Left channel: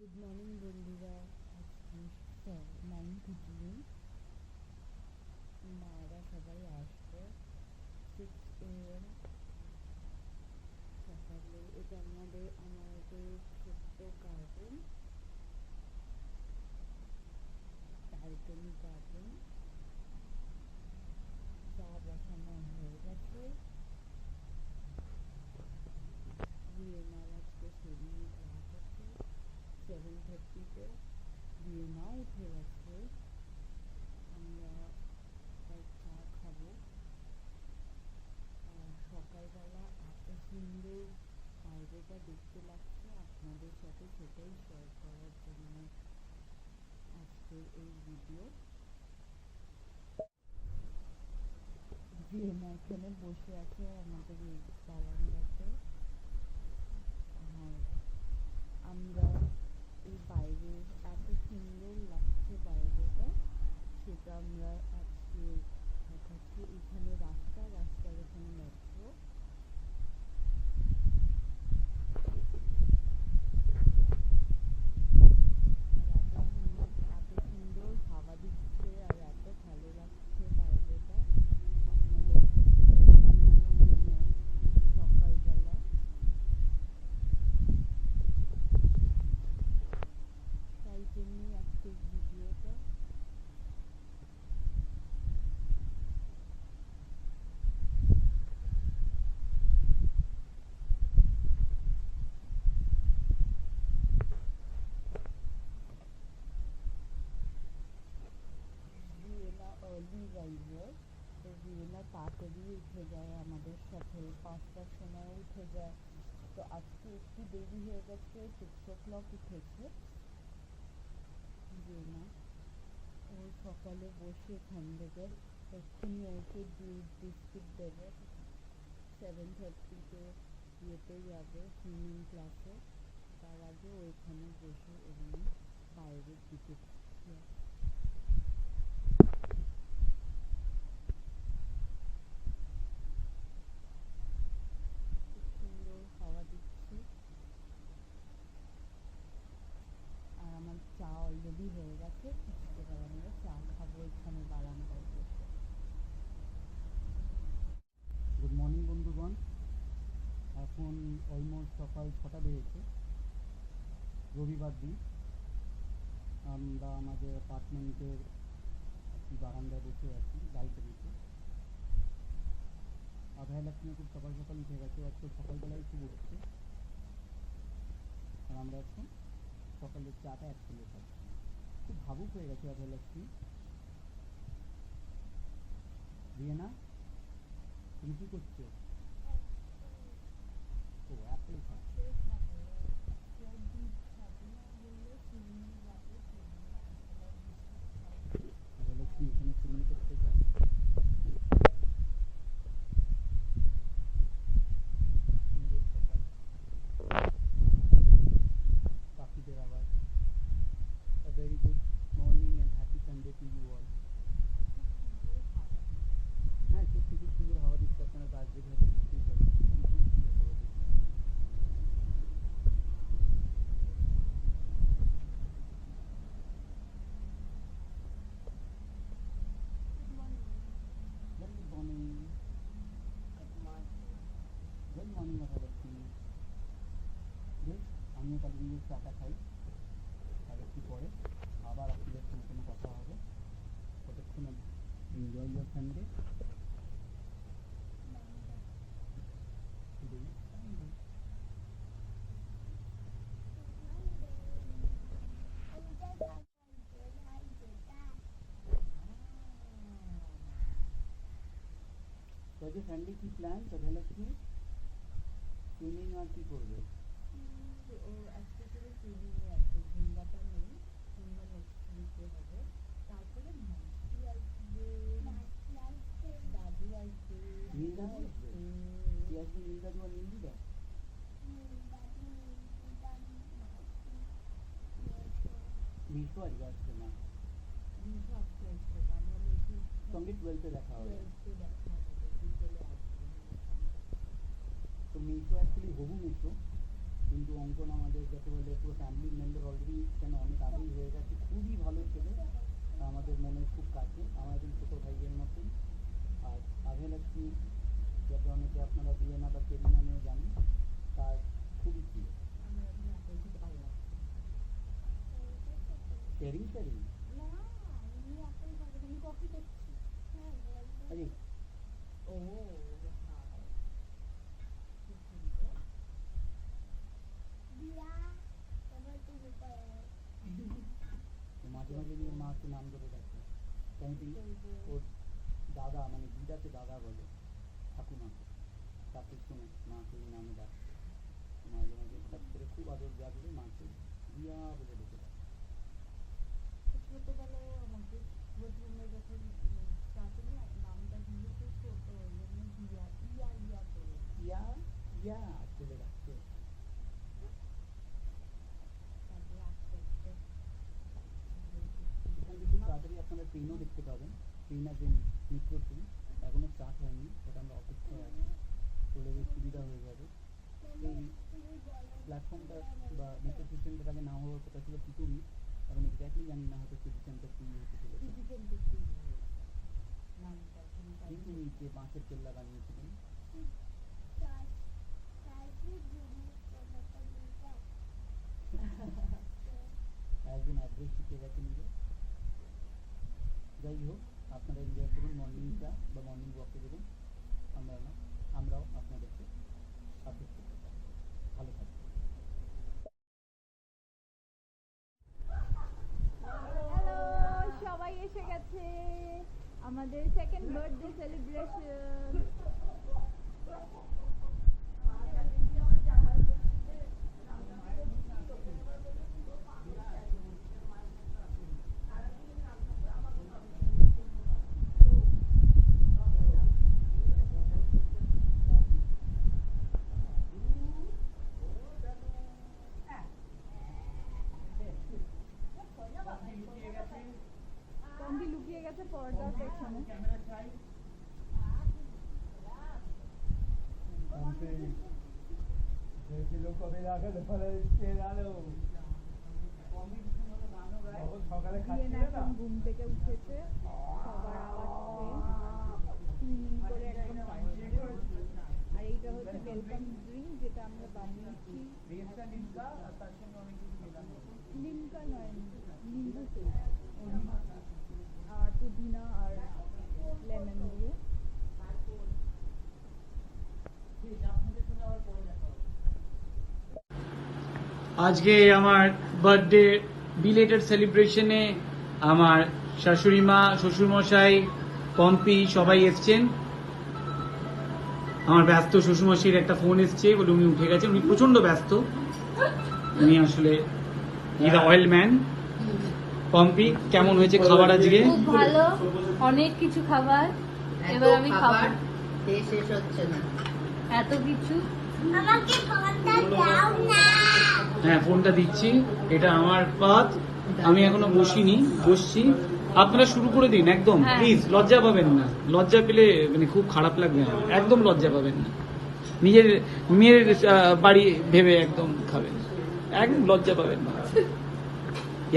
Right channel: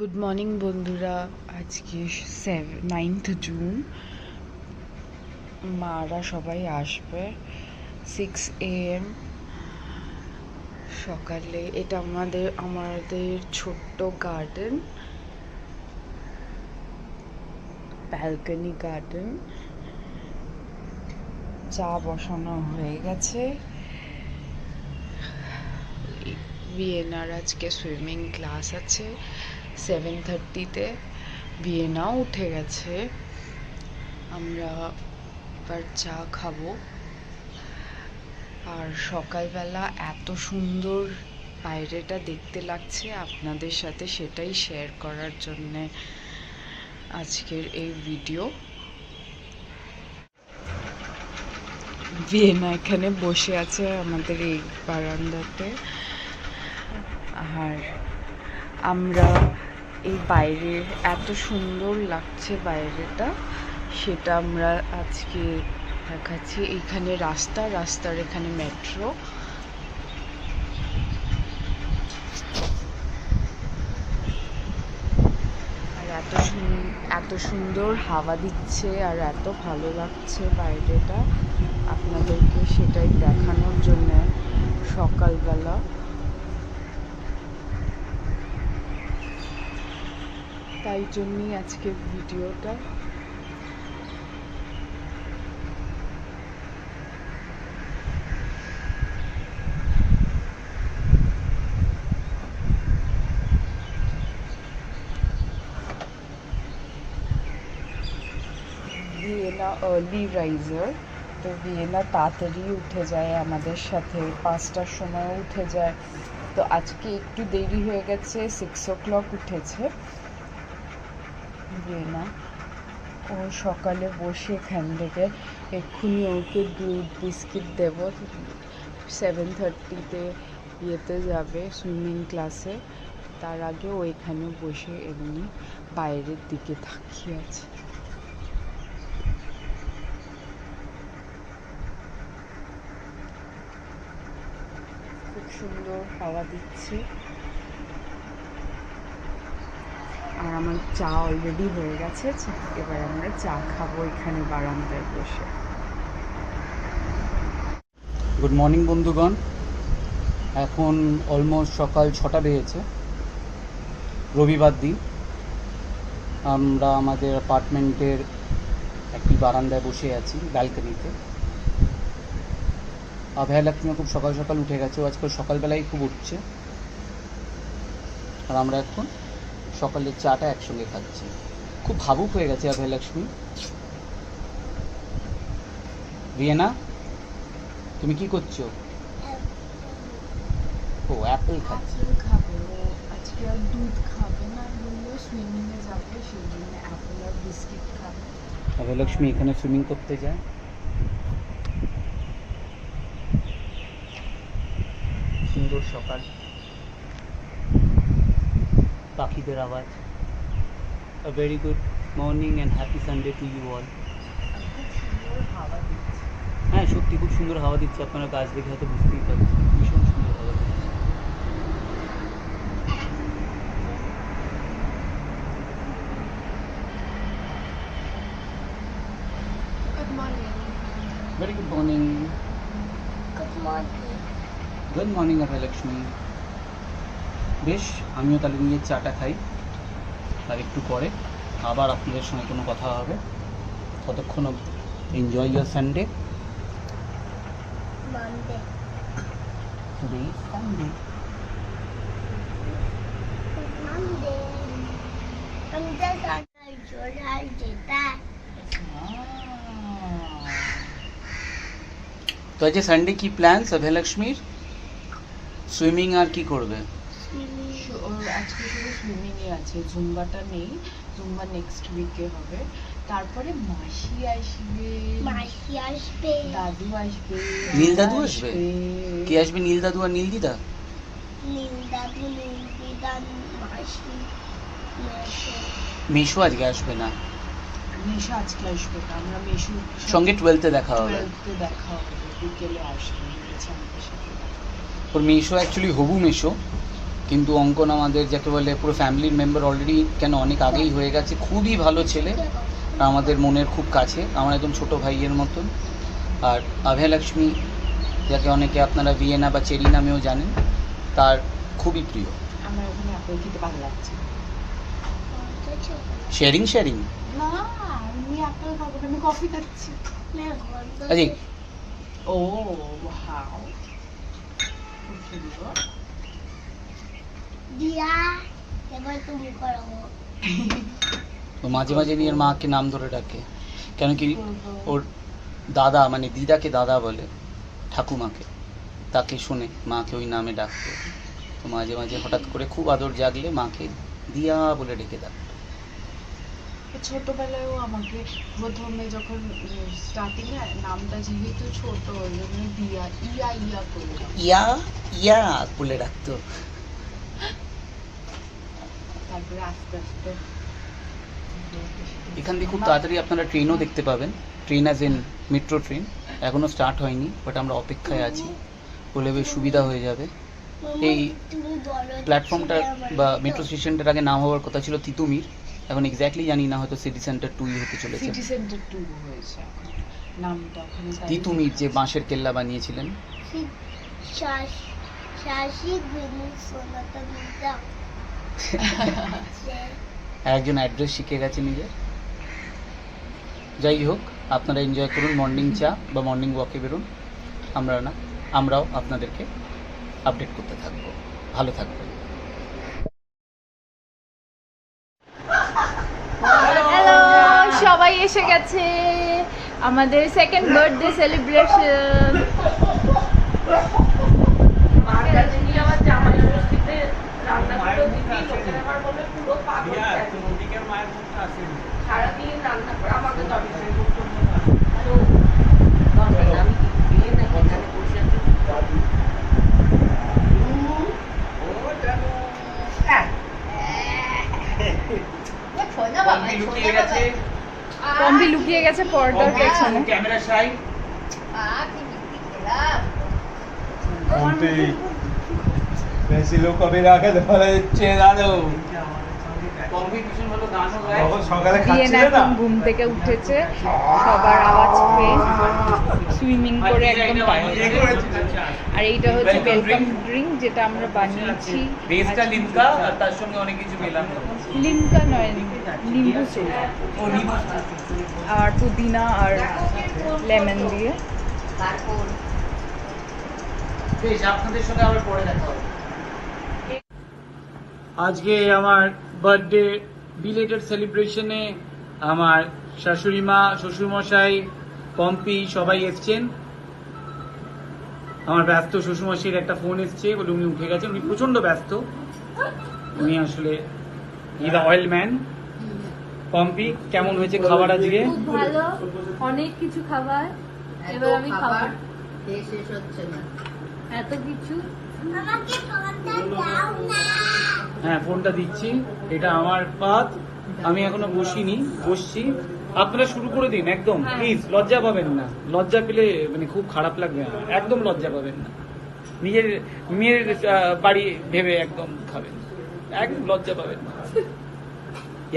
Good morning বন্ধুরা। আজকে 9th June. মারা সবাই আসবে 6 AM সকালে। এটা আমাদের ছোট্ট গার্ডেন, ব্যালকনি গার্ডেন। চা বসানো হয়ে গেছে। ভিয়েনার আজকে সুইমিং ক্লাস আছে 7:30-তে। ভিয়েনাও উঠে গেছে। আমরা এবার চা খাবো। আর সকালবেলা এত সুন্দর বাইরেটা দেখতে লাগছে আপনাদের সাথে, সেটাই শেয়ার করার জন্যে আজকের এই ভিডিও। ভিয়েনা এখানে বসে আছে আমাদের এই বারান্দাতে। আর আমরা এই বাইরে এত সুন্দর লাগছে বাইরেটা, সেটা আমরা আজকে দেখাচ্ছি। এইখানে রাস্তার এখানে মেট্রো। আর এত সুন্দর হাওয়া দিচ্ছে আর এত ভালো লাগছে বাইরেটা, আপনাদেরকে সেটাই দেখানোর জন্য সকালবেলা। তাই জন্যই আজকের ভিডিওটা। ভিয়েনা আর্লি রাইজার, তো ভিয়েনা তাড়াতাড়ি উঠে যায় আমাদের সাথে, 5টার সময় উঠে যায়। তো আজকে একটু দেরি হয়ে গেছে, 6 o'clock উঠেছে ভিয়েনা। ও সকালে বসে এখান থেকে এক্ষুনি ওকে দুধ বিস্কিট দেবো। 7:30-তে ইয়েতে যাবে সুইমিং ক্লাসে। তার আগে ও এখানে বসে এমনি বাইরের দিকে তাকিয়ে আছে। খুব সুন্দর হাওয়া দিচ্ছে। আর আমার চা অলরেডি হয়ে গেছে। এবার আমরা চা খাবো এখানে বারান্দায় বসে। গুড মর্নিং বন্ধুগণ। এখন অলমোস্ট সকাল 6টা বেজেছে, রবিবার দিন। আমরা আমাদের অ্যাপার্টমেন্টের একটি বারান্দায় বসে আছি, ব্যালকনিতে। অভয়ালক্ষ্মী খুব সকাল সকাল উঠে গেছে, ও আজকাল সকালবেলায় খুব উঠছে। আর আমরা এখন সকালের চাটা একসঙ্গে খাচ্ছি। খুব ভাবুক হয়ে গেছে অভয়ালক্ষ্মী। ভিয়েনা, তুমি কি করছো? ও অ্যাপেল খাচ্ছি। খাবে আজকে, আর দুধ খাবে না বললো, সুইমিংয়ে যাবে, সেই জন্য অ্যাপেল আর বিস্কিট খাবে। অভয়লক্ষ্মী এখানে সুইমিং করতে যায়। সুন্দর সকাল, পাখিদের আওয়াজ। A very good morning and happy Sunday to you all. খুব সুন্দর হাওয়া দিচ্ছে। হ্যাঁ, সত্যি খুব সুন্দর হাওয়া দিচ্ছে। আপনারা গাছ দেখে হয়তো বুঝতেই পারছেন, ভীষণ সুন্দর হাওয়া দিচ্ছে। Good morning. Very good morning. Good morning. Good morning Abhaylakshmi. বেশ, আমিও তাহলে নিয়ে চাটা খাই, আর একটু পরে আবার আপনাদের সঙ্গে কোনো কথা হবে। ততক্ষণ enjoy your Sunday. Monday. Today is Sunday. Monday. আমি তো জোড়াই যেটা। তো আজকে সানডে কি প্ল্যান অভয়লক্ষ্মীর? সুইমিং আর কি করবে? আজকে শুধু সুইমিংই আছে, জুম্বাটা নেই। জুম্বা নেক্সট উইকে হবে। তারপরে মাসি আসবে, দাদু আসবে। নীল দাদু আসবে? কে আসবে? নীল দাদু আর নীল দিদা? মিশু আজকে আসবে না। মেশো আজকে আসবে না, আমরা মেশো সঙ্গে 12th-এ দেখা হবে। 12th-এ দেখা হবে, বিকেলে আসবে আমাদের সাথে। ওর মেশো অ্যাকচুয়ালি হবু মেশো, কিন্তু অঙ্কন আমাদের যাকে বলে পুরো ফ্যামিলির মেম্বার অলরেডি, কেন অনেক আগেই হয়ে গেছে। খুবই ভালো ছেলে আর আমাদের মনের খুব কাছে, আমার একদম ছোটো ভাইয়ের মতন। আর অভয়লক্ষ্মী, যাকে অনেকে আপনারা ভিয়েনা বা চেরি নামেও জানেন, তার খুবই প্রিয়। আমার ওখানে আপেল খেতে ভালো লাগছে। শেয়ারিং শেয়ারিং না, আমি আপেল খাবো না, আমি কফি খাচ্ছি। আরে ও ওয়াও, দিয়া এবার তুমি করো। ও মাঝে মাঝে নিজের মাকে নাম ধরে ডাকে, কেন কি ওর দাদা মানে দিদাকে দাদা বলে, ঠাকুমাকে, তাকে শুনে মাকে ওই নামে ডাকতো। তো মাঝে মাঝে হঠাৎ করে খুব আদর জাগলে মাকে দিয়া বলে ডেকে ডাকতো। ছোটবেলায়ও আমাকে প্রথমে যখন স্টার্টিং এ নামটা যেহেতু ছোট, ওই জন্য দিয়া ইয়া ইয়া করে ডাকতো। ইয়া ইয়া বলে ডাকতো। তারপরে আস্তে আস্তে এখান থেকে খুব তাড়াতাড়ি আপনারা ট্রেনও দেখতে পাবেন, train as in metro train. এখনও স্টার্ট হয়নি, বাট আমরা অপেক্ষায় আছি, বলে বেশ সুবিধা হয়ে যাবে। এই প্ল্যাটফর্মটা বা মেট্রো স্টেশনটার আগে নাম হওয়ার কথা ছিল তিতুমির, এখন এক্স্যাক্টলি জানি না, হয়তো সিটি সেন্টার 2 হতে চলেছে। সিটি সেন্টার 2 হয়েছে এখন। নামটা ওখানে তিতুমির যে বাঁশের কেল্লা বানিয়েছিলেন। শাশি গুনু সোনাটা দিদা একজন অ্যাড্রেস শিখে গেছে নিজের। যাই হোক, আপনারা এনজয় করুন মর্নিং চা বা মর্নিং ওয়াকে বেরোন, আমরাও আপনাদেরকে আপডেট করতে থাকবো। ভালো থাকবেন। হ্যালো, সবাই এসে গেছে আমাদের সেকেন্ড বার্থডে সেলিব্রেশন। পম্পি লুকিয়ে গেছে পর্দার পেছনে। ক্যামেরা সাই Ponte. Pensi lo come la che fare celato. Competition হলো গানও গায়। তখন সকালে বিয়েন খাচ্ছিলে না? এখন ঘুম থেকে উঠেছে, সবার আওয়াজ পেয়ে সুইমিং করে একদম tired। আর এইটা হচ্ছে ওয়েলকাম ড্রিঙ্ক, যেটা আমরা বানিয়েছি। বেসটা লিমকা আর তার সঙ্গে অনেক কিছু মেলানো। লিমকা নয়, লিম্বু সুপ ও নিবু। আর পুদিনা আর লেমন দিয়ে। বেশ, আপনাদের সঙ্গে আবার পরে দেখা হবে। আজকে আমার বার্থডে বিলেটেড সেলিব্রেশনে আমার শাশুড়ি মা, শ্বশুরমশাই, পম্পি সবাই এসছেন। আমার ব্যস্ত শ্বশুরমশাইয়ের একটা ফোন এসছে বলে উনি উঠে গেছেন, উনি প্রচন্ড ব্যস্ত। উনি আসলে ইজ অয়েল ম্যান। পম্পি, কেমন হয়েছে খাবার আজকে? খুব ভালো, অনেক কিছু খাবার। এবার আমি খাবো। শেষ হচ্ছে না। এত কিছু। আমাকে ফোনটা দাও না। হ্যাঁ, ফোনটা দিচ্ছি। এটা আমার পাত, আমি এখনো বসিনি, বসছি। আপনারা শুরু করে দিন একদম, প্লিজ। লজ্জা পাবেন না, লজ্জা পেলে মানে খুব খারাপ লাগবে আমার। একদম লজ্জা পাবেন না, নিজের মেয়ের বাড়ি ভেবে একদম খাবেন, একদম লজ্জা পাবেন না।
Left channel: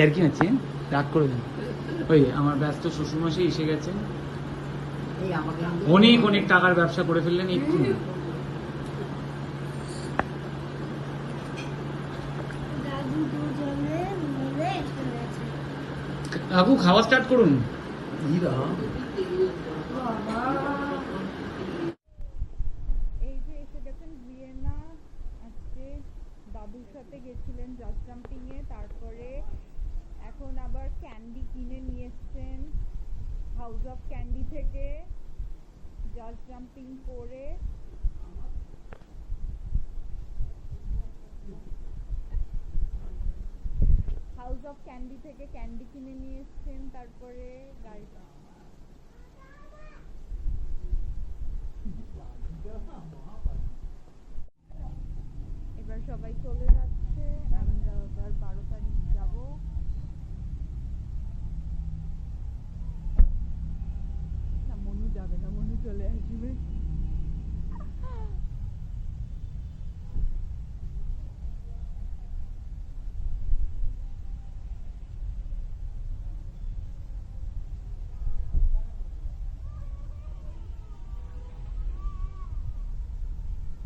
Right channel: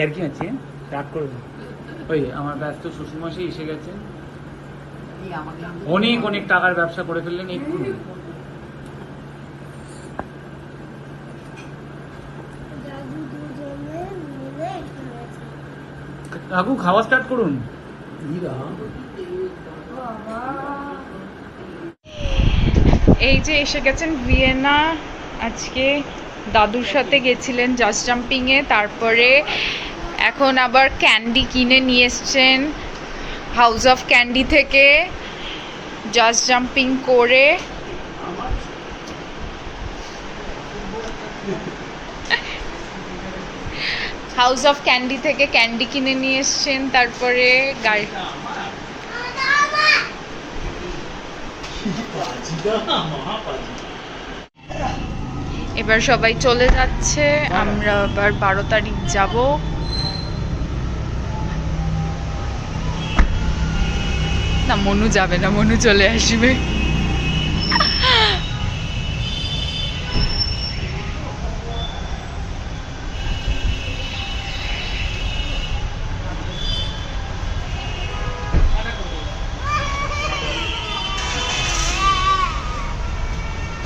আর কি আছে, রাগ করে দিন। ওই আমার ব্যস্ত শ্বশুরমশাই এসে গেছেন, অনেক অনেক টাকার ব্যবসা করে ফেললেন এক্ষুনি। দাদু দুজনে মিলে খেলেছে। কাকু, খাওয়া স্টার্ট করুন। এই যে এসে গেছেন ভিয়েনা। আজকে দাদুর সাথে গেছিলেন জাস্ট জাম্পিংয়ে, তারপরে এখন আবার ক্যান্ডি কিনে নিয়ে এসছেন হাউস অফ ক্যান্ডি থেকে, জাস্ট জাম্পিং করে। হাউস অফ ক্যান্ডি থেকে ক্যান্ডি কিনে নিয়ে এসছেন, তারপরে গাড়ি এবার সবাই চলে যাচ্ছে, আমরা আবার 12 তারিখ যাব। না, মনু যাবে না, মনু চলে আসবে।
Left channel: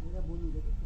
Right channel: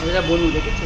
এটা বনু দেখেছো?